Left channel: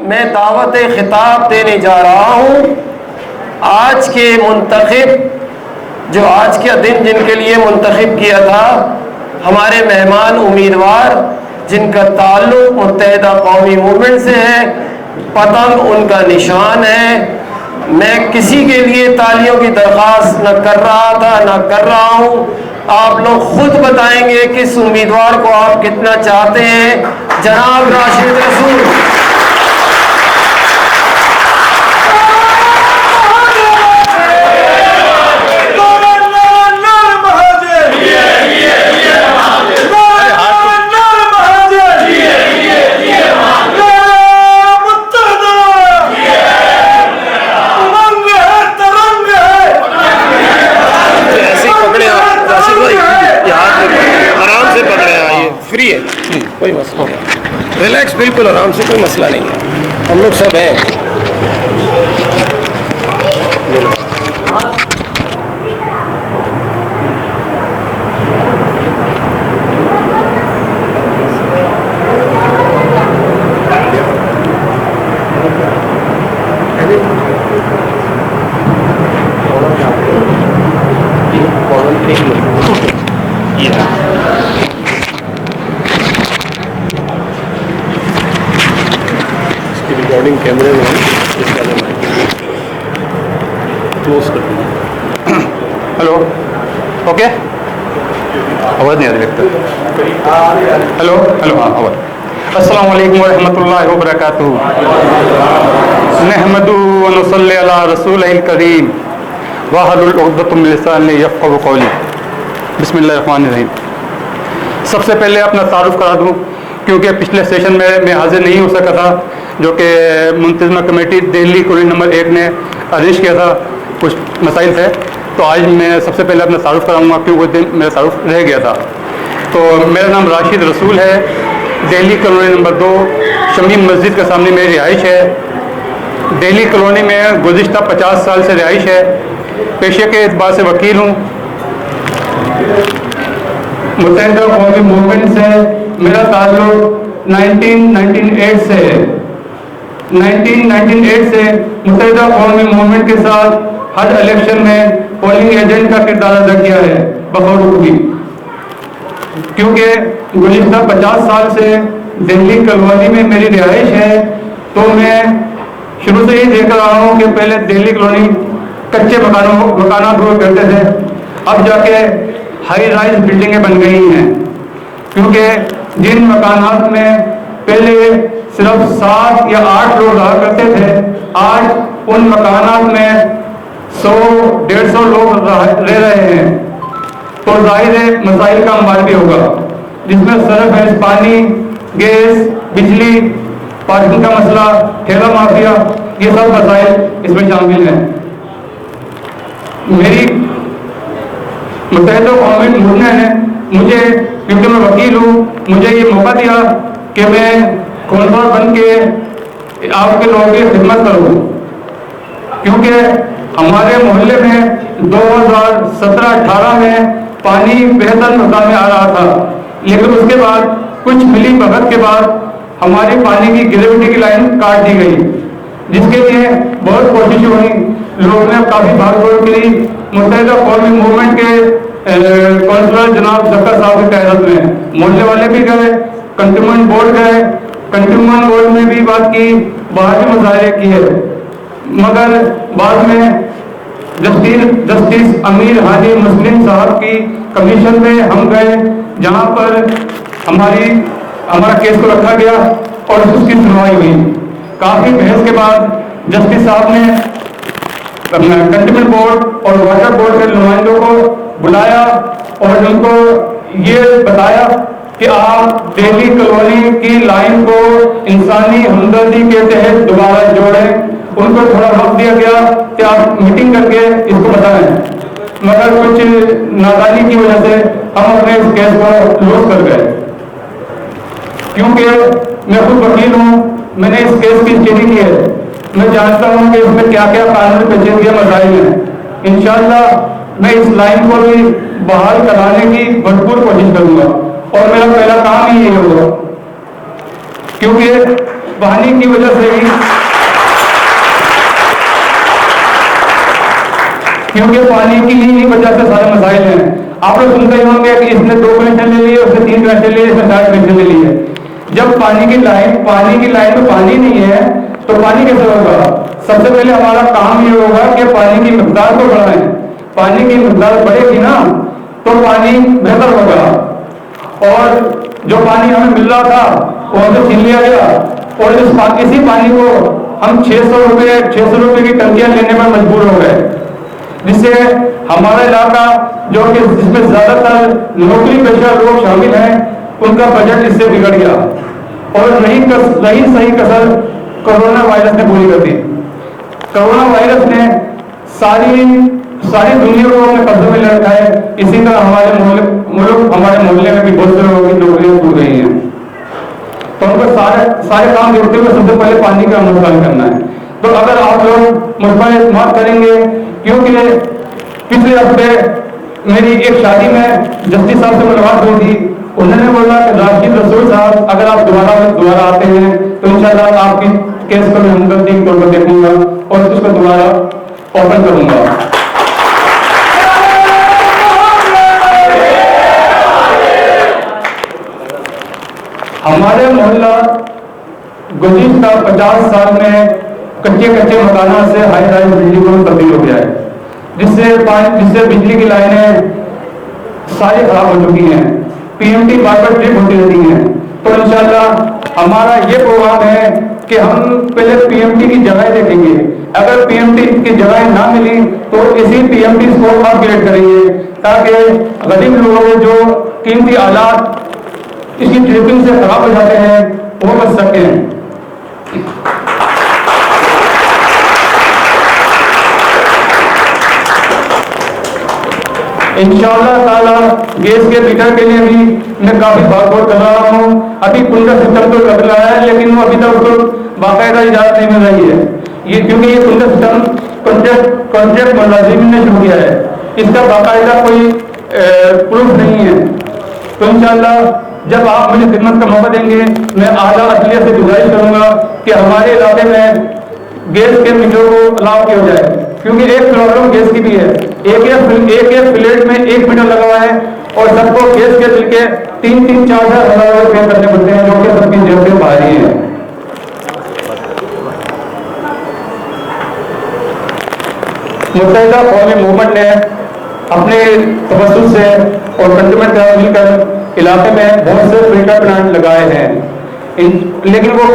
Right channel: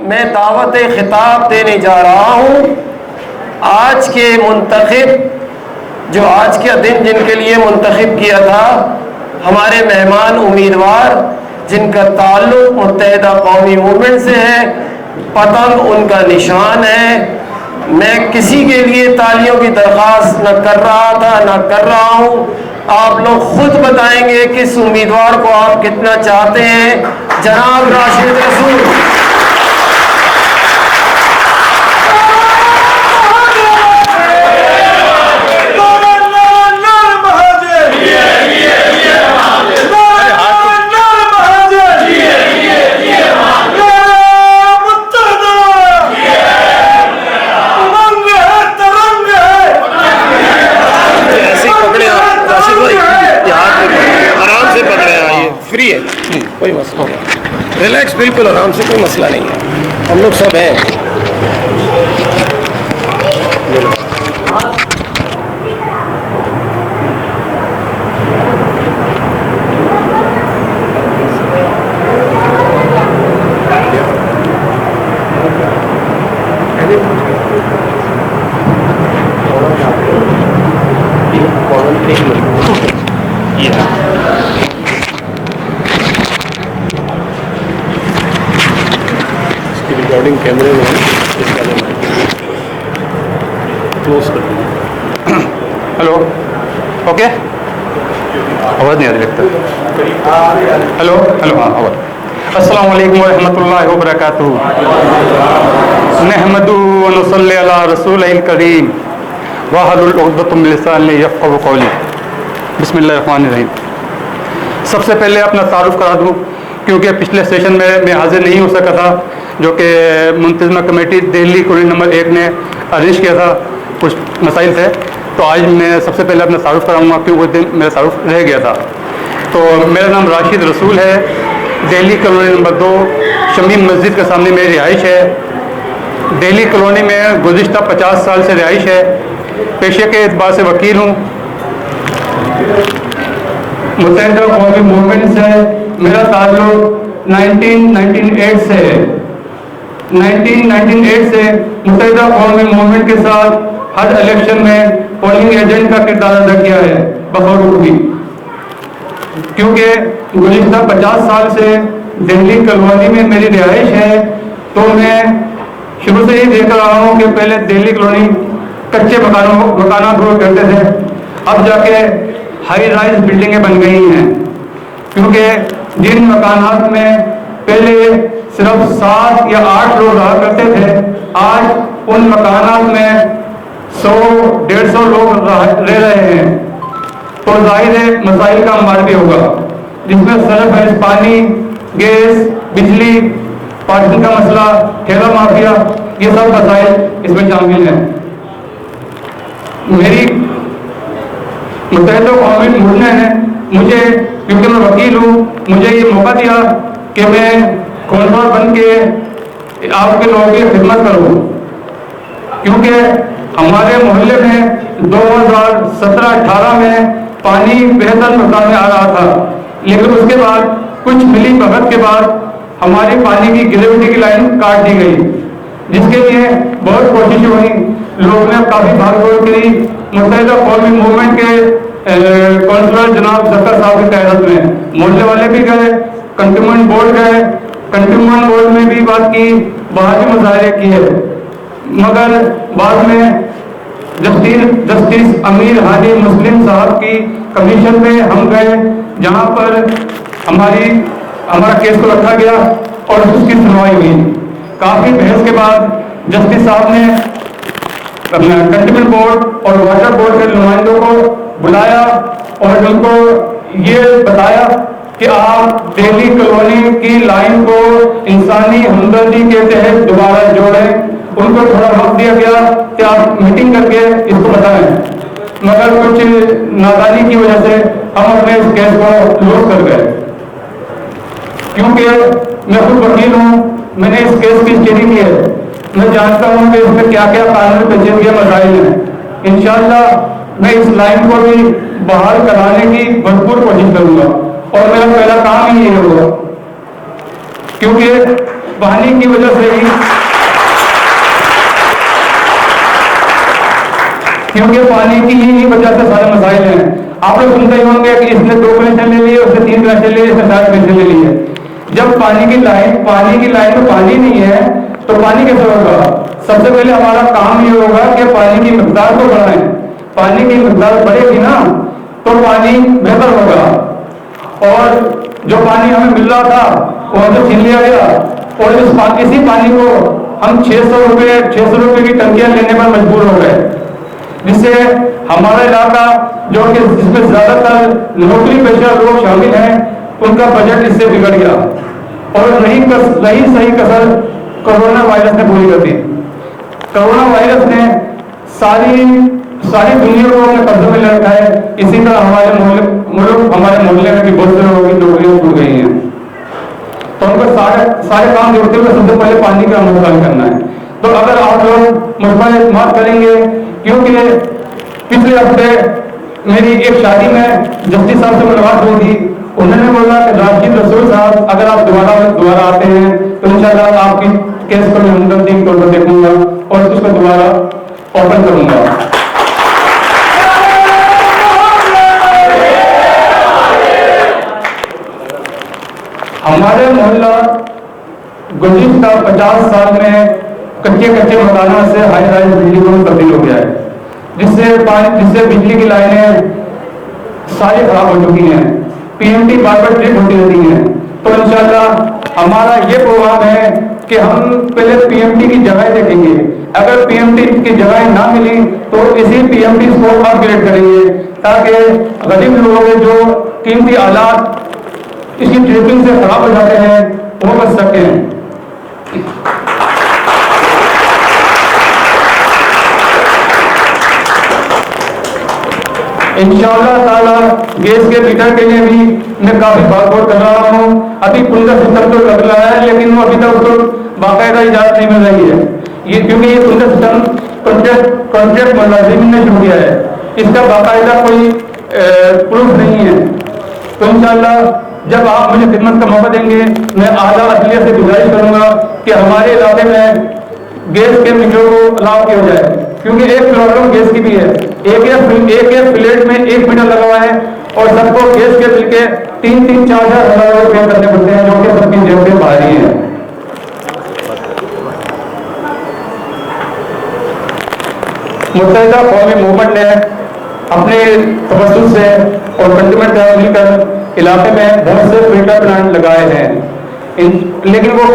मैं दावत खिताब देने जा रहा हूँ। आज के मुंतखब, जो आज का दिन जिनके लिए मुंतखब किया था, हमारे मेहमान उम्मीदवार जिनका ताल्लुक़ मुत्तहिदा कौमी मूवमेंट से है, पतंग उनका निशान है। मैं किसी के लिए तालियों की दरख्वास्त न कर रहा था न कर रहा हूँ। आप लोग खुद बताएंगे किस उम्मीदवार को आप कितना चाहते हैं। जनाब राशिद रसूल। फ्री है, कोई मसला नहीं, रिलैक्स, बिल्कुल आराम से, कोई मसला नहीं है, हम लोग सब हैं। रिकॉर्डिंग कैमरे में क्लोज कर दूँ। हेलो, ओके, आवाज़ नहीं आ रही लगता। हेलो हेलो, हाँ आवाज़। अस्सलाम वालेकुम रहमतुल्लाहि व बरकातुहू। नहमदु व नुसल्ली अला रसूलिल करीम वहलुल उक़दतम मिन लिसानी यफ़क़हू क़ौली। बिस्मिल्लाहिर्रहमानिर रहीम। सबसे पहले अपना तारुफ़ करा दूँ, क्योंकि पिछले सेशन में मैं हाज़िर नहीं हो सका था, जो कि मुंतज़िमा कमेटी दिल्ली कॉलोनी नंबर 1 ने अरेंज किया था, कुछ मसाइल थे। तो आज मैं सबसे पहले अपना तारुफ़ कराऊँगा, क्योंकि उस दिन मेरा तारुफ़ रह गया था। तो मेरा नाम राशिद रसूल है, दिल्ली कॉलोनी नंबर 2 शमीम मस्जिद के सामने मेरी रिहाइश है। दिल्ली कॉलोनी में गुज़िश्ता 50 साल से रिहाइश है। पेशे के एतबार से वकील हूँ। मुत्तहिदा कौमी मूवमेंट से मेरा ताल्लुक़ 1998 से है। 1998 से मुत्तहिदा कौमी मूवमेंट के साथ हर इलेक्शन में पोलिंग एजेंट का किरदार अदा किया है बखौर भी, क्योंकि गुज़िश्ता 50 साल से दिल्ली कॉलोनी में मेरी रिहाइश है। तो मैं शुरू से ही देख रहा हूँ कि पहले दिल्ली कॉलोनी कच्चे मकाना हुआ करते थे, अब जाके हाई राइज बिल्डिंगें बन गई हैं। क्योंकि जिन मकानात में पहले सिर्फ 7 या 8 लोग रहा करते थे, आज उन मकानात में 100-150 लोग रह रहे हैं। तो जाहिर है मसाइल का अंबार भी होगा, जिसमें सरफ है, पानी, गैस, बिजली, पार्किंग का मसला, ठेला माफिया, ये सब मसाइल इसमें शामिल हैं। मेरी मुत्तहिदा कौमी मूवमेंट है, मुझे, क्योंकि मैं वकील हूँ, मुझे ये मौका दिया कि मैं कौंसलर बन के आपके लोगों की खिदमत करूँ। क्योंकि हमारे मोहल्ले में 2017-18 में पानी बेहतर मकान में आ रहा था, लेकिन उसके बाद कुछ मिली भगत के बाद हमारी पानी की ग्रेविटी की लाइन काट दी गई, जिसके लिए बहुत कोशिश हुई, लोगों ने काफ़ी भागदौड़ करी। मुत्तहिदा कौमी मूवमेंट के काउंसलर जनाब जक्कर साहब की क़यादत में मोहल्ले वाले भी गए, कंटोनमेंट बोर्ड गए, कंटोनमेंट बोर्ड ने भी बात की, वहाँ भी मुजाहरे किए, मगर बाद में जस्टिस अमीर हादी मुस्लिम साहब की कमीशन में हम गए, जहाँ पर हमारा केस को रखा गया और उसकी सुनवाई हुई। काफ़ी बहस के बाद जस्टिस साहब ने कंटोनमेंट बोर्ड और वाटर बोर्ड के नुमाइंदों को बुलाया और उनको ये बताया कि आप दिल्ली कॉलोनी की लाइन को इंसानी हमदर्दी के तहत दोबारा जोड़ें। उनको थोड़ा वक्त दिया गया कि आप मीटिंग करके इसको बताएं, मगर कुछ नादानी की वजह से हम अपने इस केस को लॉस कर गए। क्योंकि मैं खुद वकील हूँ, मैंने इस केस की स्टडी की है, मैं जानता हूँ कि इसमें क्या क्या कानूनी पेचीदगी मसाइल हैं। इंशाअल्लाह मैं इस लाइन को भी बहाल कराने की भरपूर कोशिश करूँगा और मेरा पहला काम ही ये होगा, क्योंकि पानी की वजह से ही, क्योंकि पानी की ही वजह से सारे मसाइल हैं। आप लोग सुनते ही होंगे कि इसने 2 कनेक्शन ले लिए, उसने 3 कनेक्शन ले लिए, इसने 4 कनेक्शन ले लिए। जब पानी की लाइन में पानी नहीं है तो पानी कैसे होगा? सबसे पहले हमारा काम ये होगा कि पानी की मिकदार को बढ़ाएं। पानी की मिकदार बढ़ेगी ना तो पानी बेहतर होगा। और जो पानी हमें मिल रहा था वो हमसे छीन लिया गया, और इसी पानी को हम 600 रुपए की टंकियां लेने पर मजबूर हो गए, जिससे हमारा इलाका जो कि जिसमें ज्यादातर नौकरी पेशा लोग शामिल हैं उनका बजट इससे बिगड़ गया। और रही सही कसर कोरोना वायरस ने पूरी कर दी। कोरोना वायरस ने सारी दुनिया को अपने कब्जे में ले रखा है। इसी तरह हमारे मोहल्ले में भी बहुत से लोगों की नौकरियां छूट गई हैं। तो उनको सारे काम जोड़ते हुए सबसे पहले पानी का मुस्तैद करना है। तो अगर आप लोग मुस्तैद इस्तेमाल करेंगे, क्योंकि पिछले हफ्ते मेरी एक शादी में जस्टिस साहब से मुलाकात हुई थी। उन्होंने बोला कि राशिद रसूल साहब, अगर आप दोबारा आते हैं तो इंशाल्लाह आपकी केस को मैं हमदर्दी तौर पर देखूंगा और उसको दोबारा ओपन करूंगा। हमारे मोहल्ला गुज़िश्ता 50 साल में कच्चे मकानों से हाई राइज बिल्डिंगों में तब्दील हो गया है, जिससे बिजली की लाइनें सारी खराब हो चुकी हैं। पीएमटी बार ट्रिप होती रहती हैं। तो इंशाल्लाह हमारा ये प्रोग्राम है कि हम पहले पीएमटी की जगह देखेंगे। अगर पीएमटी की जगह ना मिली तो इसी पीएमटी को अपग्रेड करेंगे, ताकि गरीब लोगों के जो कीमती आलात इसकी ट्रिपिंग से खराब हो जाते हैं वो बच सकें। इंशाअल्लाह ताला गैस के मीटर के लिए भी मैं काफी भाग कर रहा हूँ। अभी पुनः सिस्टम तो लग रहा है, लेकिन वो अभी तक तो बाकायदा इजाजत नहीं मिल रही है। ये क्योंकि ये पुनः सिस्टम कॉन्ट्रैक्ट मुलाजिम ने शुरू किया है, इसका बाकायदा कोई प्रूफ नहीं है। तो इंशाअल्लाह जब आप मुझे खिदमत का मौका देंगे, मैं आला अदलिया से गुजारिश करूंगा कि हमारे इलाके में गैस के मीटर को अलाउ किया जाए, क्योंकि एक प्रॉब्लम गैस की भी है। एक फ्लैट में 1 मीटर लगा हुआ है और सबको गैस के बिल के 3-4 हज़ार रुपये करने पड़ते हैं, जो कि सबकी जेब से भारी है। मुत्तहिदा कौमी मूवमेंट ने अपने तवज्जुह से और कंज्यूमर से मिलकर इलाके में बहुत से फिल्टर प्लांट लगाए हैं, लेकिन वो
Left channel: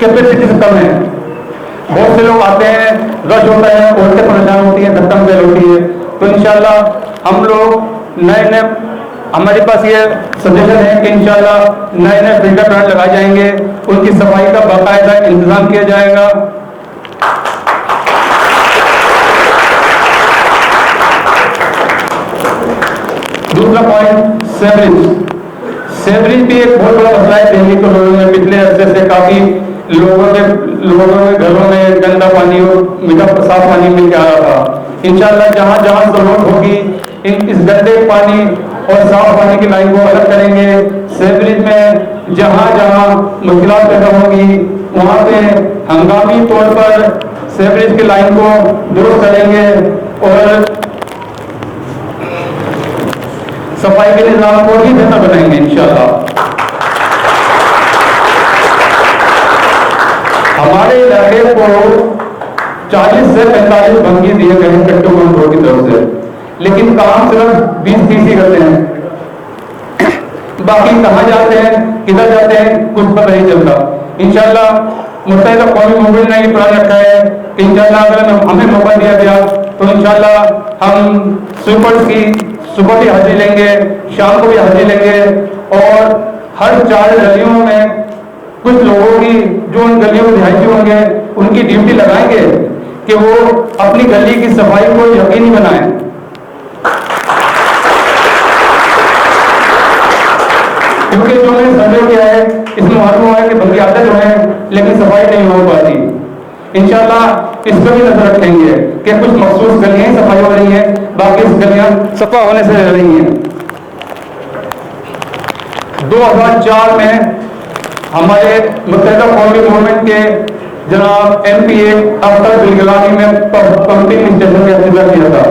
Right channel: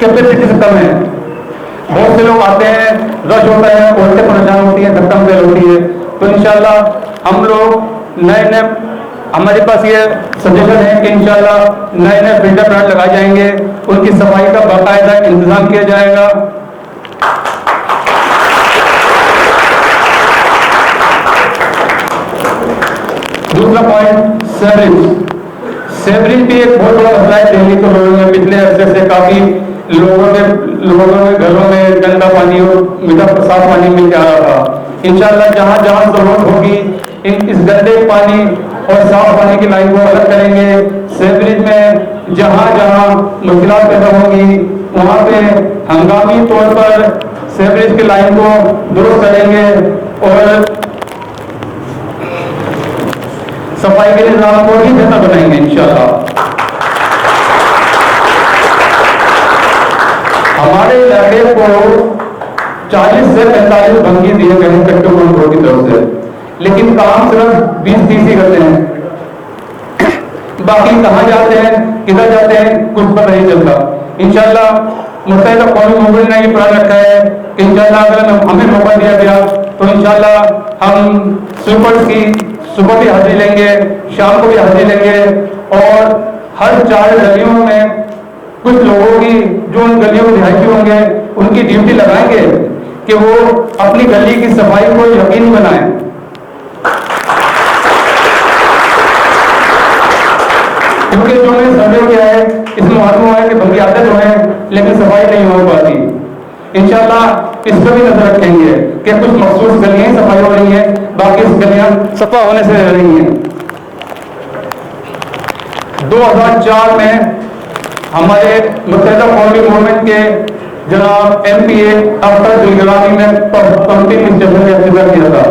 कैपेसिटी से कम है। बहुत से लोग आते हैं, रश होता है, औरतें परेशान होती है, धक्का मुक्की होती है। तो इंशाल्लाह हम लोग नए हमारे पास ये सजेशन है कि इंशाल्लाह नए फिल्टर प्लांट लगाए जाएंगे, उनकी सफाई का बाकायदा इंतजाम किया जाएगा। दूसरा पॉइंट सेवरेज भी एक बहुत बड़ा मसला है दिल्ली को लोगों में। पिछले अरसे से काफी लोगों के घरों में गंदा पानी और मीठा साफ पानी मिल के आ रहा था। इंशाल्लाह जहां जहां जरूरत होगी इस गंदे पानी और साफ पानी की लाइन को अलग करेंगे। सेवरेज में जहां जहां मुश्किलात पैदा होंगी वहां पे हंगामी तौर पर सेवरेज की लाइन को दुरुस्त करेंगे और सफाई के निजाम को भी बेहतर बनाएंगे इंशाल्लाह। हमारे इलाके को 40 से 45 भंगी दिए गए हैं कट्टू मंडलों की तरफ से, लेकिन काम सिर्फ 20-30 ही करते हैं। बाकी कहाँ जाते हैं, किधर जाते हैं, कुछ पता नहीं चलता। इंशाल्लाह मुत्तहिदा कौमी मूवमेंट ने ये प्लान रखा है कि इंशाल्लाह अगर हमें मौका दिया गया तो इंशाल्लाह हम स्वीपर्स की सुबह भी हाजिरी लेंगे, शाम को भी हाजिरी लेंगे और हर 4 गलियों में कुछ लोगों की जो उन गलियों में रिहायशी होंगे उनकी ड्यूटी लगाएंगे कि वो अपनी गली की सफाई को यकीनी बनाएं। क्योंकि जो मैंने सर्वे किया है इसमें मालूम हुआ है कि बल्कि आते तो हैं लेकिन सफाई नहीं हो पाती। इंशाल्लाह इस पर भी नजर रखेंगे कि कुछ मखसूस गलियां सफाई हो रही है, बाकी इस गलियां सफा होने से रह रही हैं। 2004 में हमारे मुत्तहिदा कौमी मूवमेंट के जनाब MPA अख्तर दिलगलानी में पंपिंग स्टेशन का इंतजार किया था,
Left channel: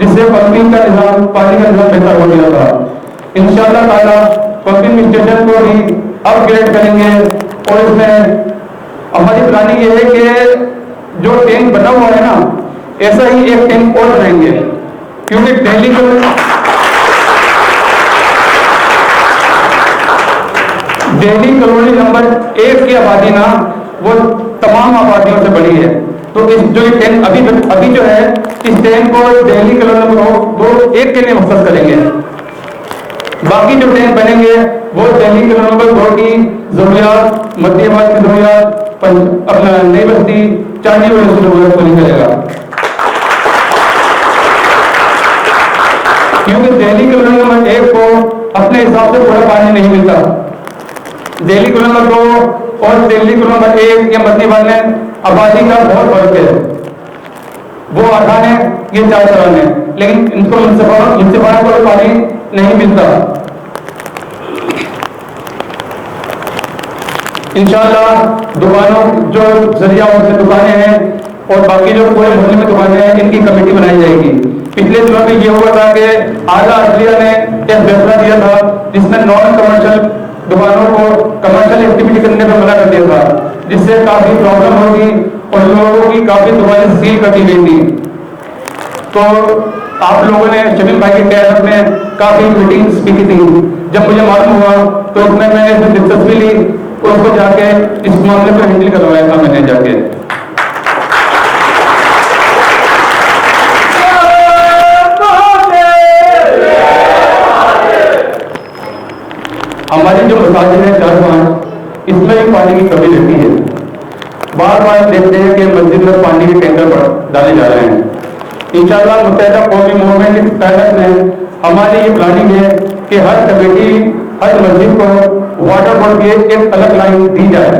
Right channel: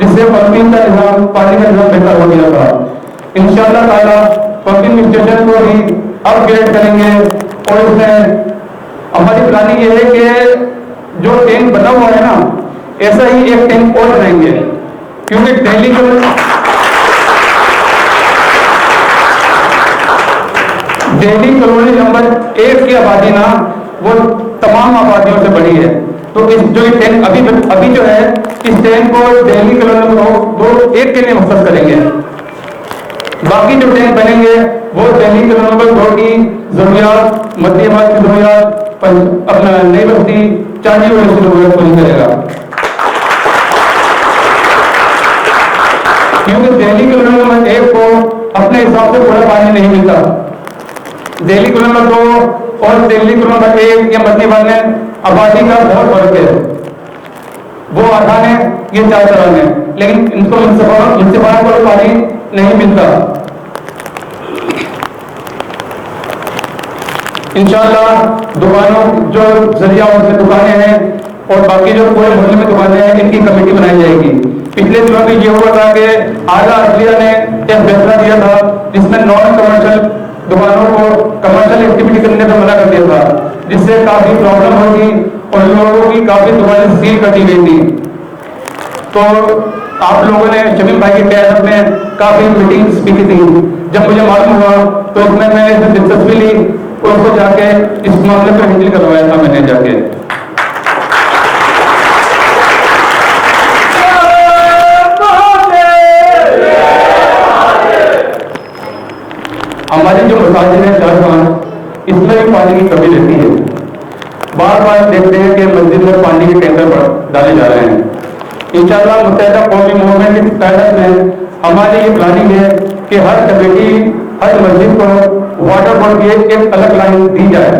जिससे पंपिंग का निज़ाम, पानी का निज़ाम बेहतर हो गया था। इंशाअल्लाह ताला पंपिंग स्टेशन को भी अपग्रेड करेंगे और इसमें हमारी प्लानिंग ये है कि जो टैंक बना हुआ है ना, ऐसा ही एक टैंक और बनाएंगे, क्योंकि दिल्ली कॉलोनी नंबर 1 की आबादी ना वो तमाम आबादियों से बड़ी है। तो इस जो टैंक अभी जो है, इस टैंक को दिल्ली कॉलोनी नंबर 1 के लिए मखसूस करेंगे। बाकी जो टैंक बनेंगे वो दिल्ली कॉलोनी नंबर 2 की जरूरियात, मध्यमात की जरूरियात, अपना नई बस्ती, चांदी वाली जरूरत पूरी करेगा। क्योंकि दिल्ली कॉलोनी नंबर 1 को अपने हिसाब से पूरा पानी नहीं मिलता। दिल्ली कॉलोनी नंबर 2 और दिल्ली कॉलोनी नंबर 1 या मध्यमात में आबादी का बहुत फर्क है। वो 8 आने, ये 4 चलाने, लेकिन इनको म्युनिसिपल को पानी नहीं मिलता। इंशाअल्लाह दुकानों जो जरिया उसमें दुकानें हैं और बाकी जो पूरे मोहल्ले में दुकानें हैं, इनकी कमेटी बनाई जाएगी। पिछले दिनों में ये हुआ था कि आला अदलिया ने एक फैसला दिया था जिसमें नॉन कमर्शियल दुकानों को कमर्शियल एक्टिविटी करने पर मना कर दिया था, जिससे काफी प्रॉब्लम होगी और लोगों की काफी दुकानें सील कर दी गई थी। तो आप लोगों ने शमीम भाई के कहने में काफी मीटिंग्स भी की थी। जब मुझे मालूम हुआ तो इसमें मैंने दिलचस्पी ली और उसको जाके इस मामले को हैंडल करवाया था मैंने जाके। हमारी जो मसाजिद है 4-5, इसमें भी पानी की कमी रहती है। बार बार देखते हैं कि मस्जिद में पानी के टैंकर डाले जा रहे हैं। इंशाअल्लाह मुत्तहिदा कौमी मूवमेंट की क़यादत में हमारी ये प्लानिंग है कि हर कमेटी, हर मस्जिद को वाटर बोर्ड की एक अलग लाइन दी जाए,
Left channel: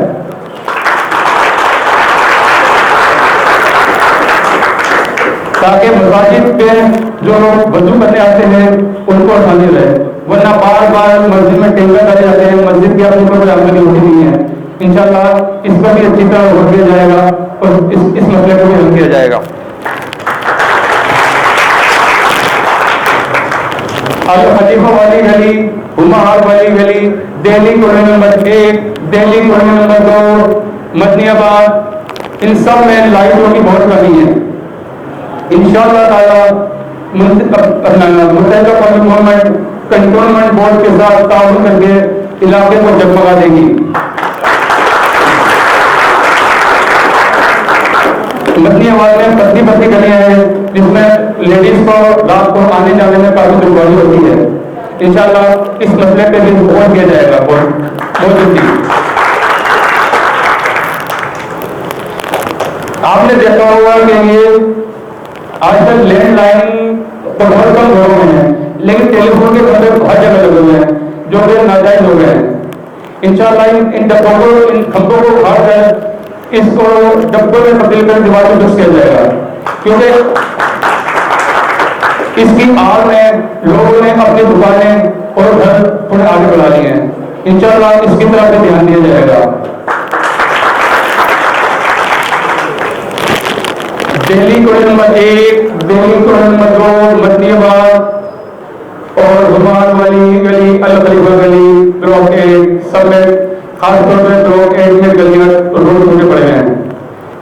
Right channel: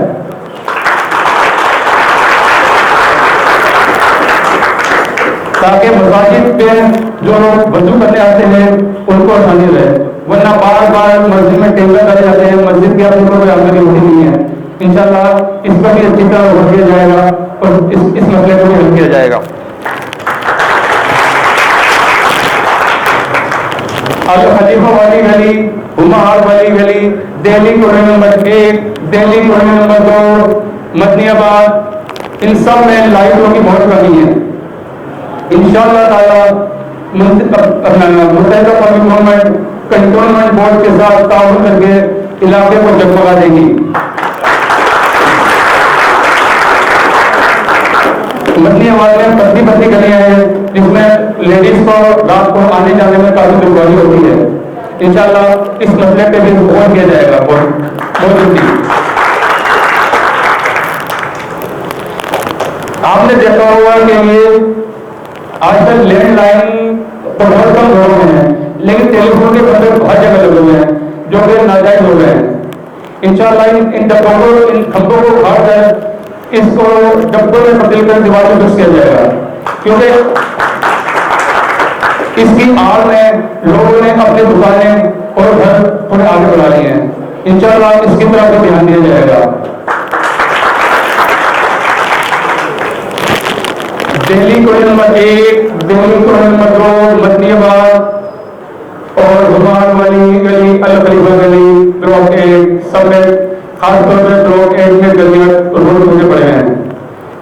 ताकि मसाजिद पे जो लोग वजू करने आते हैं उनको आसानी रहे। वरना बार बार मस्जिद में टैंकर डाले जाते हैं, मस्जिद की अपनी कोई आमदनी होती नहीं है। इंशाअल्लाह इस पर भी अच्छी तरह गौर किया जाएगा और इस मसले को भी हल किया जाएगा। अल खलीफा वाली गली, हुमार वाली गली, Delhi colony number 1, Delhi colony number 2, मदनियाबाद, इन सब में लाइटों की बहुत कमी है। इंशाअल्लाह ताला मुत्तहिदा कौमी मूवमेंट कंटोनमेंट बोर्ड के साथ ताउन करके इलाके को जगमगा देगी। मदनियाबाद में पतली गलियां हैं जिसमें लेडीज को रात को आने जाने में काफी दुश्वारी होती है। इंशाअल्लाह इस मसले पे भी गौर किया जाएगा बहुत जल्दी। आपने देखा होगा कि ये आजकल लैंडलाइन तो बहुत कम घरों में है, लेकिन टेलीफोन के खंभे हर जगह लगे हुए हैं जो कि नाजायज हो गए हैं। इंशाअल्लाह इन डब्बों को, इन खंभों को उखाड़कर इसको डब्बों में तब्दील कर दीवार को फिक्स किया जाएगा, क्योंकि इसकी आड़ में लोगों ने अपनी दुकानें और घर थोड़े आगे बढ़ा लिए हैं। इंशाअल्लाह इसकी तरफ भी ध्यान दिया जाएगा। Delhi colony number 1, Delhi colony number 2, मदनियाबाद और हुमार वाली गली, अल खलीफा गली, ब्लॉक 1 सब में, खासतौर पर ब्लॉक 1 में गलियां रोड टूटे पड़े हैं।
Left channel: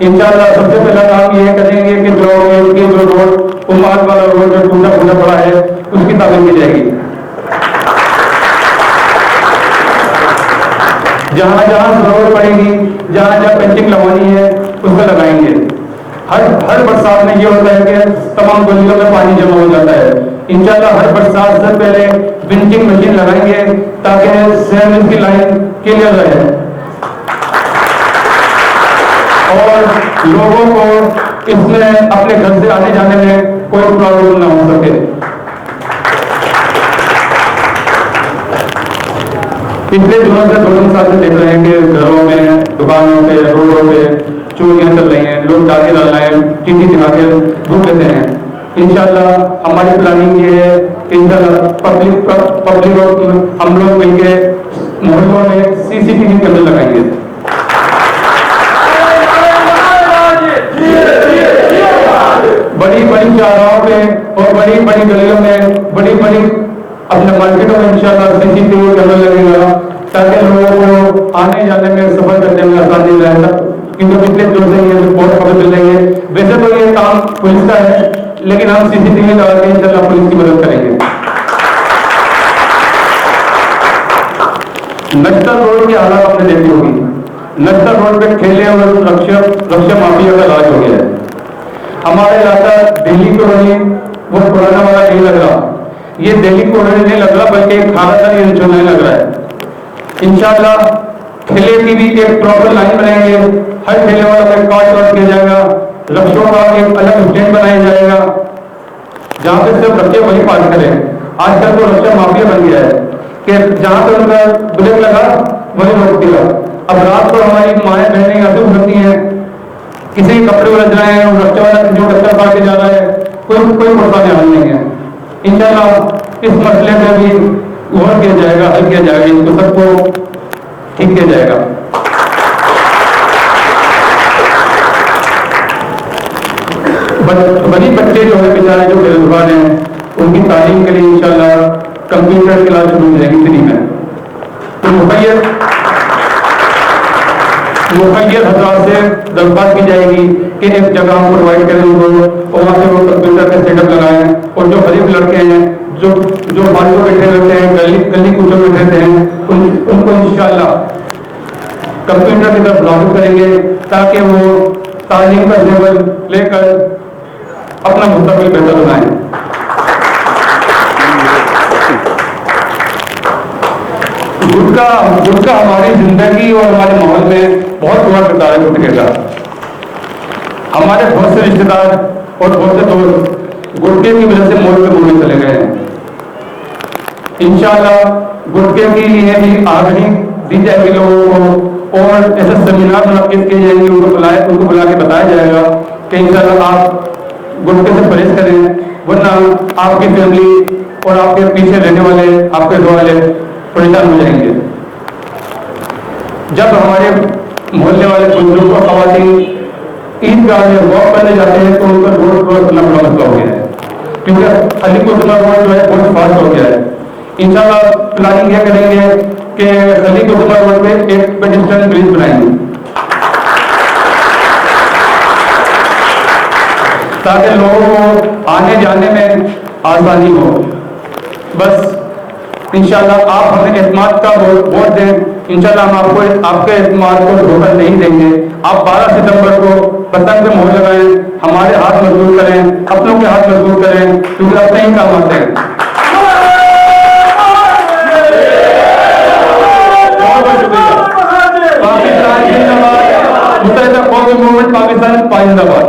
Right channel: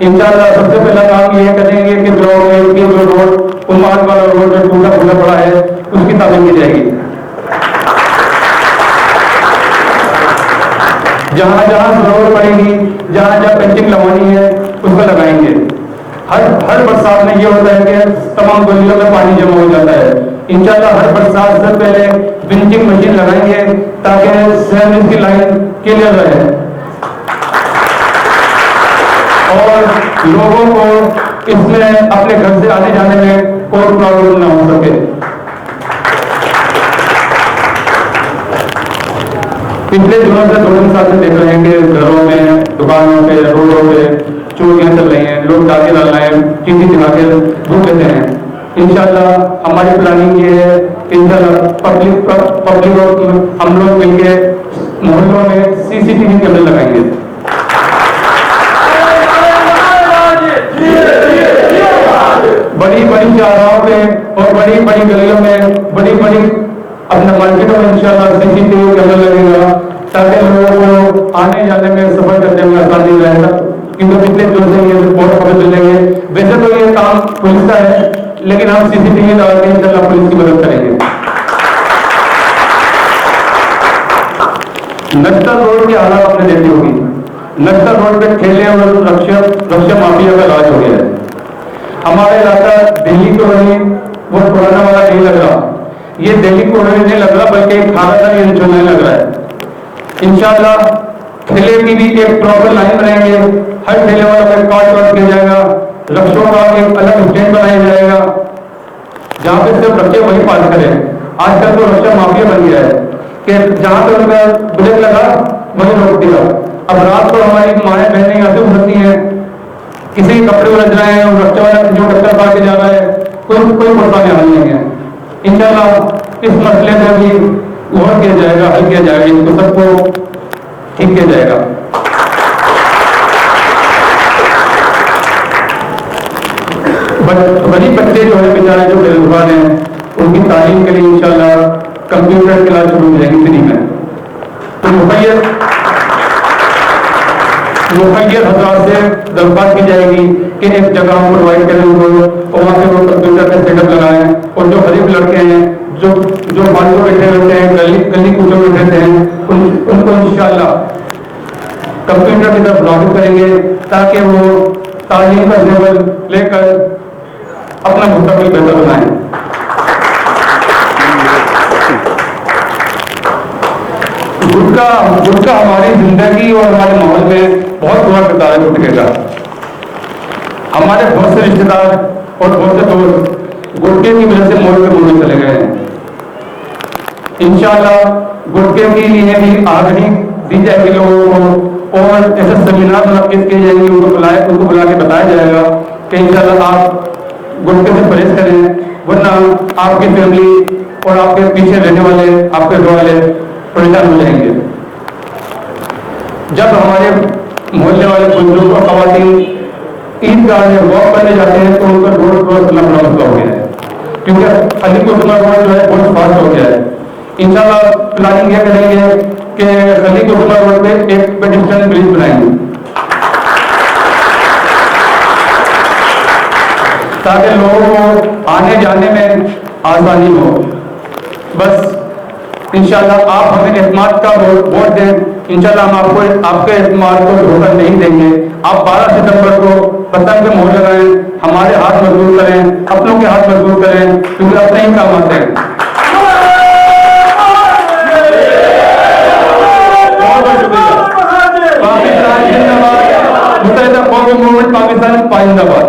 इंशाअल्लाह सबसे पहला काम ये करेंगे कि ब्लॉक 1 की जो रोड, हुमार वाला रोड जो टूटा फूटा पड़ा है, उसकी तामीर की जाएगी। जहाँ जहाँ जरूरत पड़ेगी, जहाँ जहाँ पेंटिंग लगवानी है, उस पर लगाएंगे। हर बरसात में ये होता है कि तमाम गलियों में पानी जमा हो जाता है। इंशाअल्लाह हर बरसात से पहले विंचिंग मशीन लगाएंगे ताकि सेम की लाइन क्लियर रहे और लोगों को इसमें अपने घर से आने जाने में कोई प्रॉब्लम ना हो सके। पिछले दिनों से 2-3 साल से देख रहे हैं कि घरों में, दुकानों पे, रोडों पे चोरियां चल रही हैं, लोग डाके डाल रहे हैं, टीवी दिखा के घूम लेते हैं। इंशाअल्लाह हमारी प्लानिंग ये है कि इंशाअल्लाह पब्लिक और हम लोग मिलके मोहल्लों में CCTV कैमरे लगाएंगे। बड़ी बड़ी चौराहों पे और बड़ी बड़ी गलियों में, बड़ी बड़ी अपने मार्केटों में इंशाल्लाह CCTV कैमरा लगेगा, ताकि लोगों को आने जाने में सफर करने में आसानी रहेगा। क्योंकि पिछले जो से ये रिपोर्ट हमें मिलेंगे, वैसे तो ये काम पुलिस का है, लेकिन हम CCTV लगा के इंशाल्लाह पुलिस की मदद करेंगे। नक्सल रोड की हालत आपने देखी होगी। नक्सल रोड पे ठेले और रक्षा माफिया का राज हो गया है। हमारा इलाका दिल्ली कॉलोनी वो पुराना वाला नहीं लग रहा, ये दिल्ली कॉलोनी नहीं लग रहा, बल्कि एक खाना नहीं लग रहा है। इंशाल्लाह ठेले की भी एक प्रॉपर लाइन बनाएंगे, हर ठेले वाला कोई कास्ट लॉट किया जाएगा, रक्षों का एक अलग स्टैंड बनाया जाएगा, जहाँ पे सिर्फ रक्षे वही पास करें। आजकल तो रक्षा माफिया बन गया है कि जहाँ पे उनका ब्रेक लगा वही रोक दिया। अब रात को हमारी माएँ बहनें यहाँ से उठती हैं, किसी के कपड़े उलझ रहे हैं, रक्षा वाला जो टक्कर पा के जा रहा है, कोई परेशानी हाल नहीं है। इंशाल्लाह इस मसले को भी गौर किया जाएगा, हल किया जाएगा, इसको सबको ठीक किया जाएगा। गरीब बच्चे जो है बेचारे जो बेरोजगार हैं, उनकी तालीम के लिए इंशाल्लाह कंप्यूटर क्लास शुरू हो जाएगी फ्री में। तो मुखैर हजरात से दरख्वास्त की जाएगी कि एक जगह हम प्रोवाइड करें उनको, और वहाँ पे वो कंप्यूटर का सेटअप लगाएं, और जो गरीब लड़के हैं जो बालू बैठे रहते हैं, गली कूचों में रहते हैं, उनको इंशाल्लाह कंप्यूटर की तरफ लागू करेंगे, ताकि वो तालीम का लेवल लेकर अपना मुस्तकबिल बेहतर बनाएं। गुटखा हमारी जिंदगी और हमारे माहौल में बहुत बुरा किरदार है गुटखे का। हमारे बहुत से रिश्तेदार और बहुत से दोस्त गुटखे की वजह से मौत के मुंह में चले गए हैं। इंशाल्लाह गुटखे की लिए भी आगाही दी जाएगी लोगों को, और ऐसे सेमिनार मुनक्किद किए जाएंगे, उनको बुला के बताया जाएगा कि इंशाल्लाह आप गुटखे से परहेज करें, वरना आपकी फैमिली और आपके पीछे रहने वाले, आपके घर वाले परेशान हो जाएंगे। जब हमारे मोहल्ले वाले बुजुर्ग और खवातीन ईदगाह में वॉक करने जाते हैं तो उनका रोड क्रॉस करना बड़ा मसला हो गया है, क्योंकि अली कुतुबा रोड जो है बहुत फास्ट हो गया है। इंशाल्लाह प्लानिंग यह करेंगे कि अली कुतुबा रोड पे एक पेडिस्ट्रियन ब्रिज बनाएंगे, ताकि लोगों को आने जाने में आसानी हो। बस इंशाल्लाह आप हमें एतमाद का वोट दें, इंशाल्लाह हम आपके एतमाद को धोखा नहीं देंगे। आप 12 सितंबर को पतंग पे मोहर लगाएं, हमारे हाथ मजबूत करें, अपनों के हाथ मजबूत करें, क्योंकि अपने ही काम आते हैं। बहुत बहुत शुक्रिया। पाकिस्तान जिंदाबाद, मुत्तहिदा कौमी मूवमेंट पाकिस्तान जिंदाबाद।